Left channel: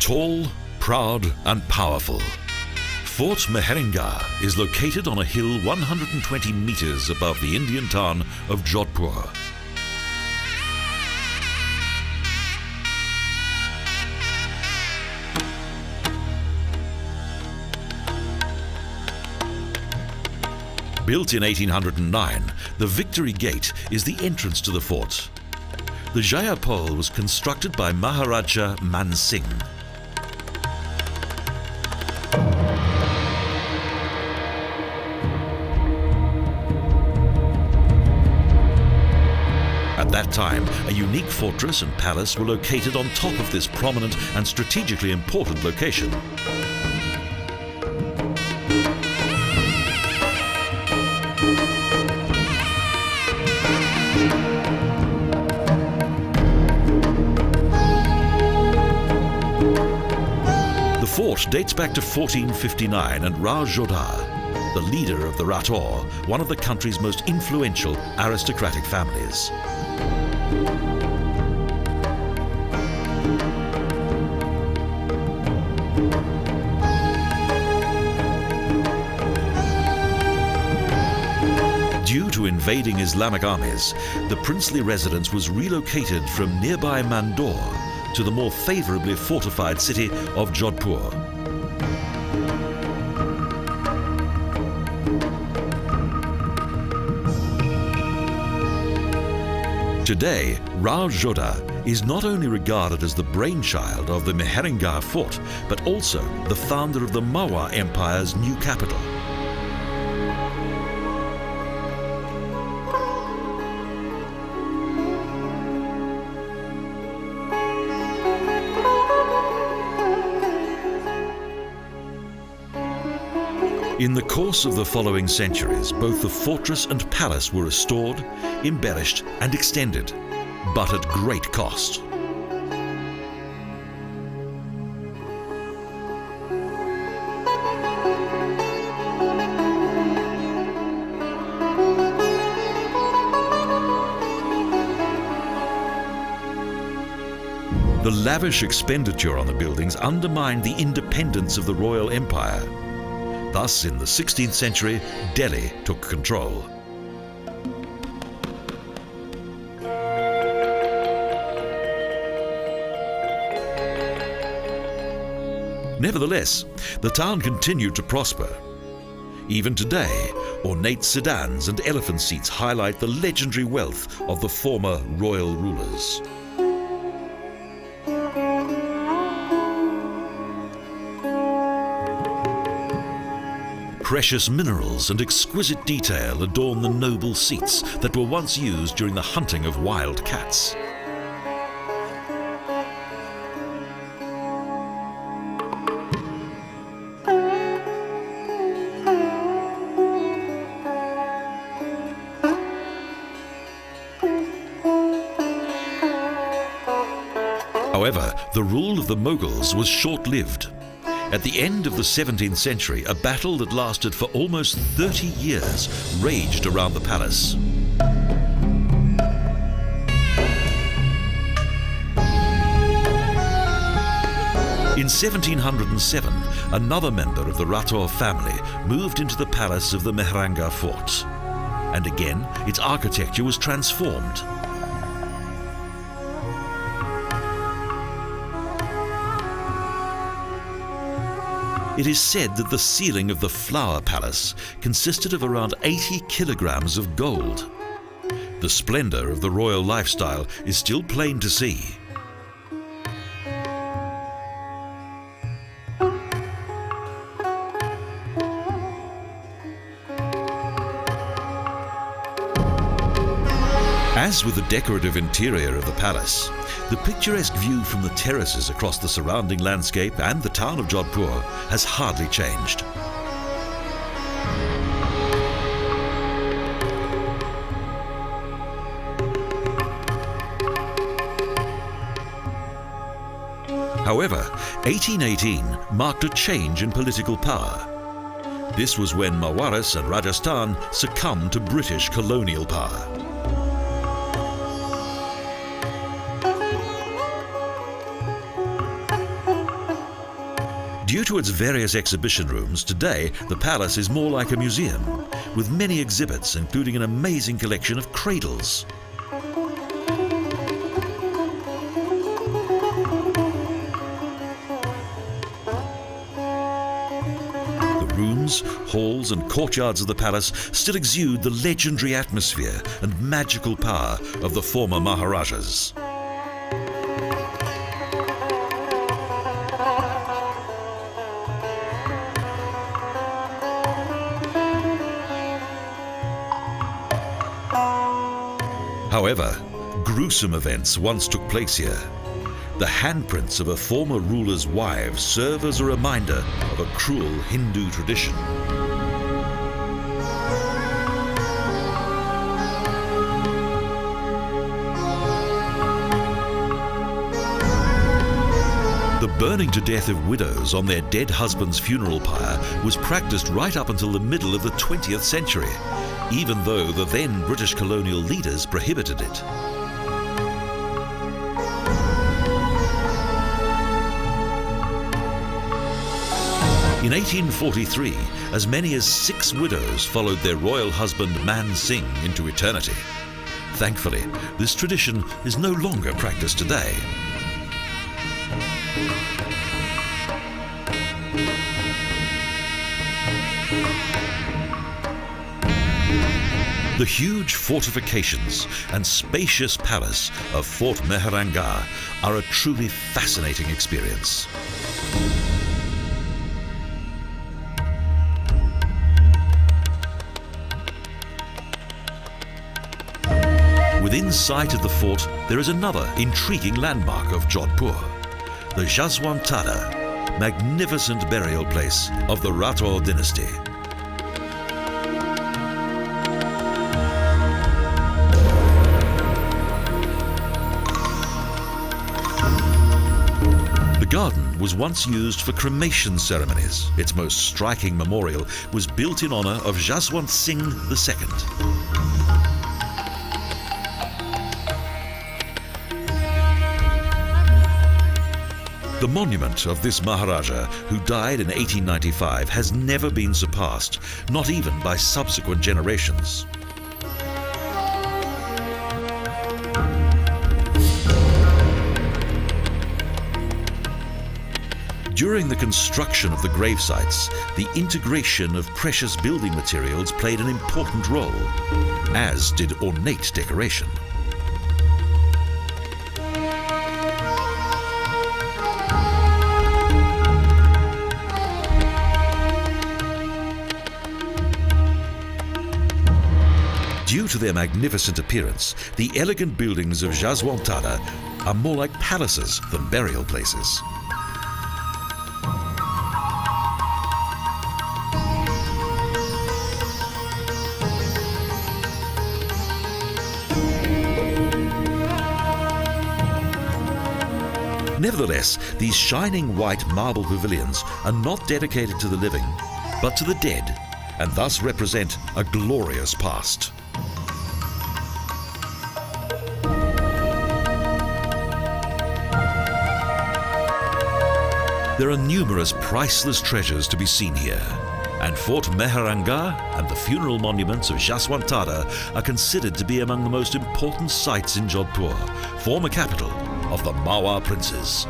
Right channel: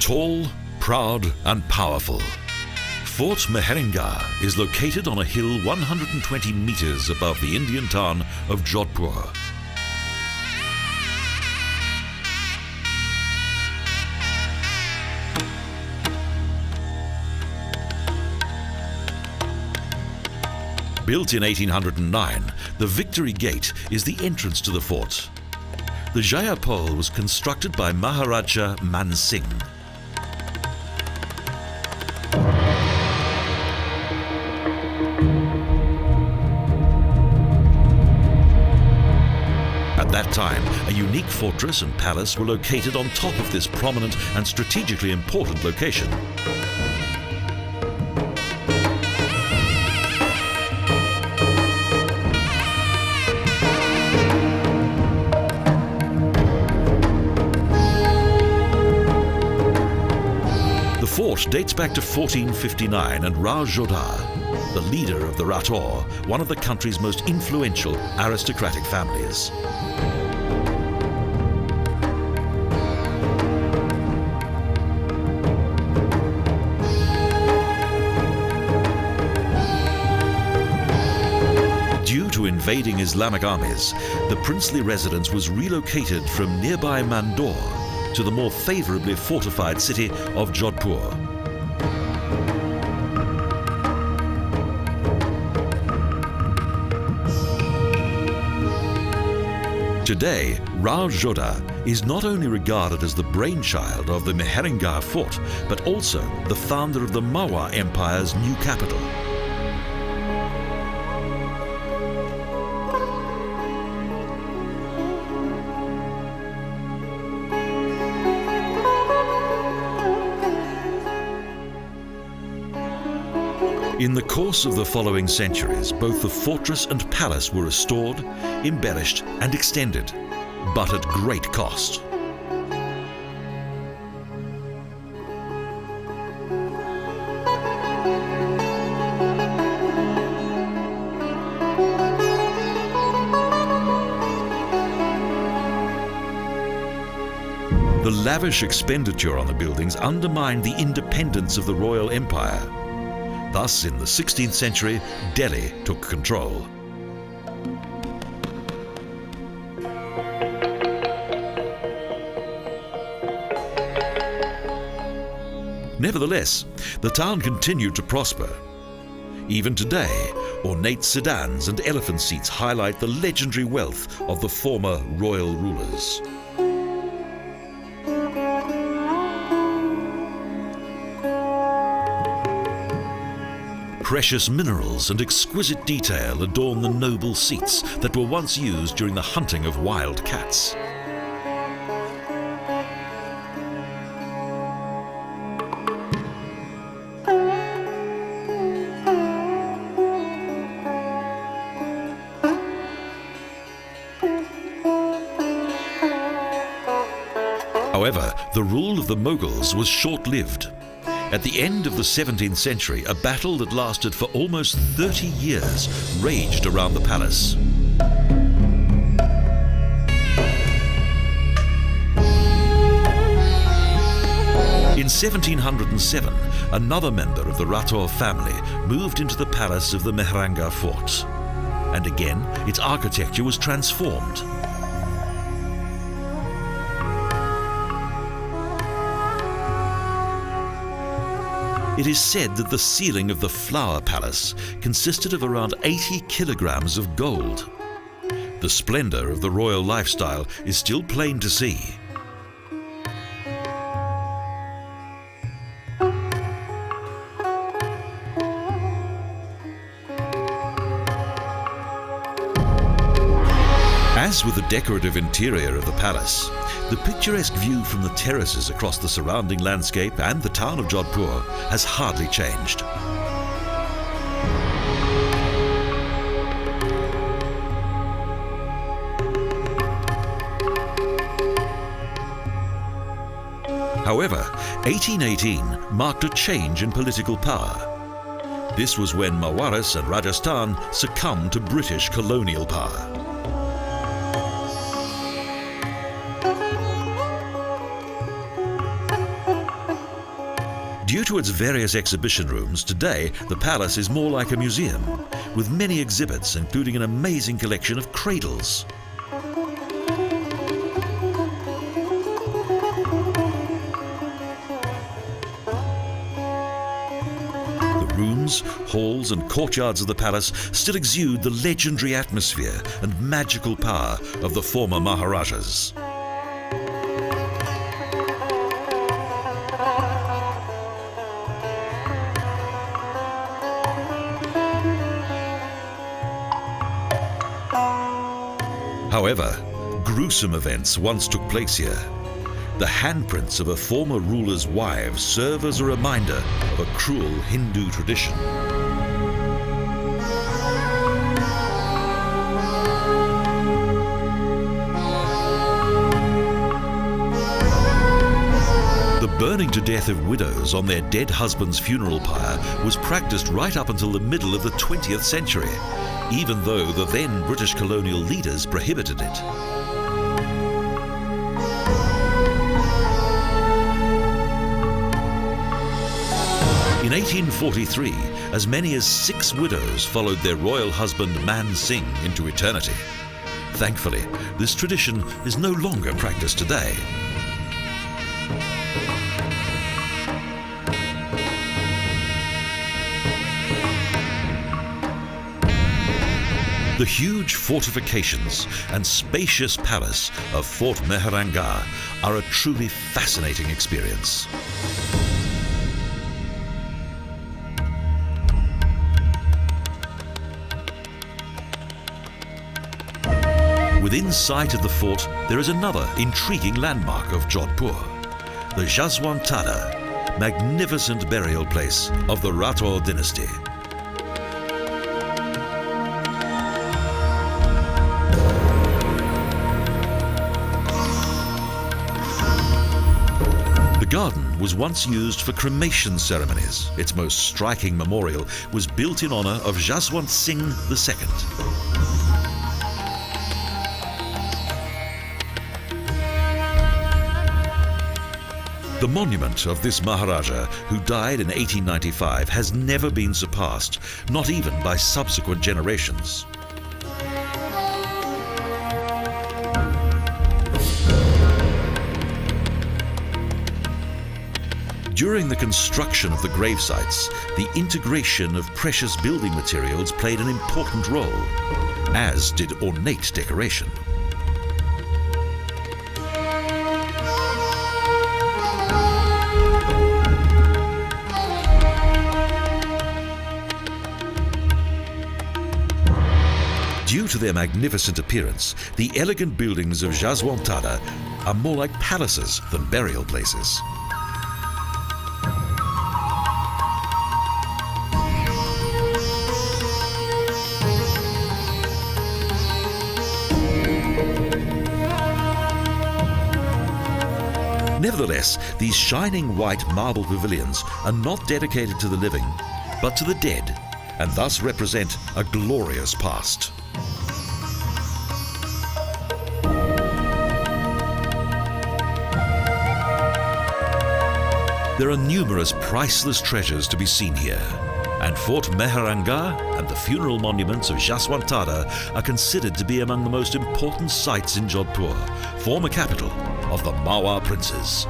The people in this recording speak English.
Tall, proud and powerful, Fort Meherangarh is located on a hill 120 meters above the Indian town of Jodhpur. Built in 1809, the Victory Gate is the entrance to the fort. The Jayapol was constructed by Maharaja Man Singh. At that time, a unique fortress and palace were located on top of this prominent and strategically important location. The fort dates back to 1459 and Rao Jodha, the leader of the Rathor, one of the country's most influential aristocratic families. Due to invading Islamic armies, the princely residence was relocated from nearby Mandore to the more favorably fortified city of Jodhpur. Today, Rao Jodha is not only regarded as the brainchild of the Mehrangarh fort, but also the founder of the Marwar Empire's new capital. In the course of the following centuries, both the fortress and palace were restored, embellished and extended, but at great cost. The lavish expenditure on the buildings undermined the independence of the royal empire. Thus, in the 16th century, Delhi took control. Nevertheless, the town continued to prosper. Even today, ornate sedans and elephant seats highlight the legendary wealth of the former royal rulers. Precious minerals and exquisite detail adorn the noble seats that were once used during the hunting of wild cats. However, the rule of the Mughals was short-lived. At the end of the 17th century, a battle that lasted for almost 30 years raged around the palace. In 1707, another member of the Rathor family moved into the palace of the Mehrangarh fort. And again, its architecture was transformed. It is said that the ceiling of the Flower Palace consisted of around 80 kilograms of gold. The splendor of the royal lifestyle is still plain to see. As with the decorative interior of the palace, the picturesque view from the terraces across the surrounding landscape and the town of Jodhpur has hardly changed. However, 1818 marked a change in political power. This was when Marwar and Rajasthan succumbed to British colonial power. Due to its various exhibition rooms, today the palace is more like a museum, with many exhibits including an amazing collection of cradles. The rooms, halls and courtyards of the palace still exude the legendary atmosphere and magical power of the former maharajas. However, gruesome events once took place here. The handprints of a former ruler's wives serve as a reminder of a cruel Hindu tradition. The burning to death of widows on their dead husband's funeral pyre was practiced right up until the middle of the 20th century, even though the then British colonial leaders prohibited it. In 1843, as many as 6 widows followed their royal husband Man Singh into eternity. Thankfully, this tradition is no longer practiced today. The huge fortifications and spacious palace of Fort Meherangarh are a truly fascinating experience. Within sight of the fort, there is another intriguing landmark of Jodhpur, the Jaswant Thada, magnificent burial place of the Rathor Dynasty. The garden was once used for cremation ceremonies. Its most striking memorial was built in honor of Jaswant Singh The Second. The monument of this Maharaja, who died in 1895, has never been surpassed, not even by subsequent generations. During the construction of the gravesites, the integration of precious building materials played an important role, as did ornate decoration. Due to their magnificent appearance, the elegant buildings of Jaswant Thada are more like palaces than burial places. Nevertheless, these shining white marble pavilions are not dedicated to the living, but to the dead, and thus represent a glorious past. There are numerous priceless treasures to be seen here, and Fort Meherangarh and the funeral monuments of Jaswant Thada are considered to be among the most important sites in Jodhpur, former capital of the Marwar princes.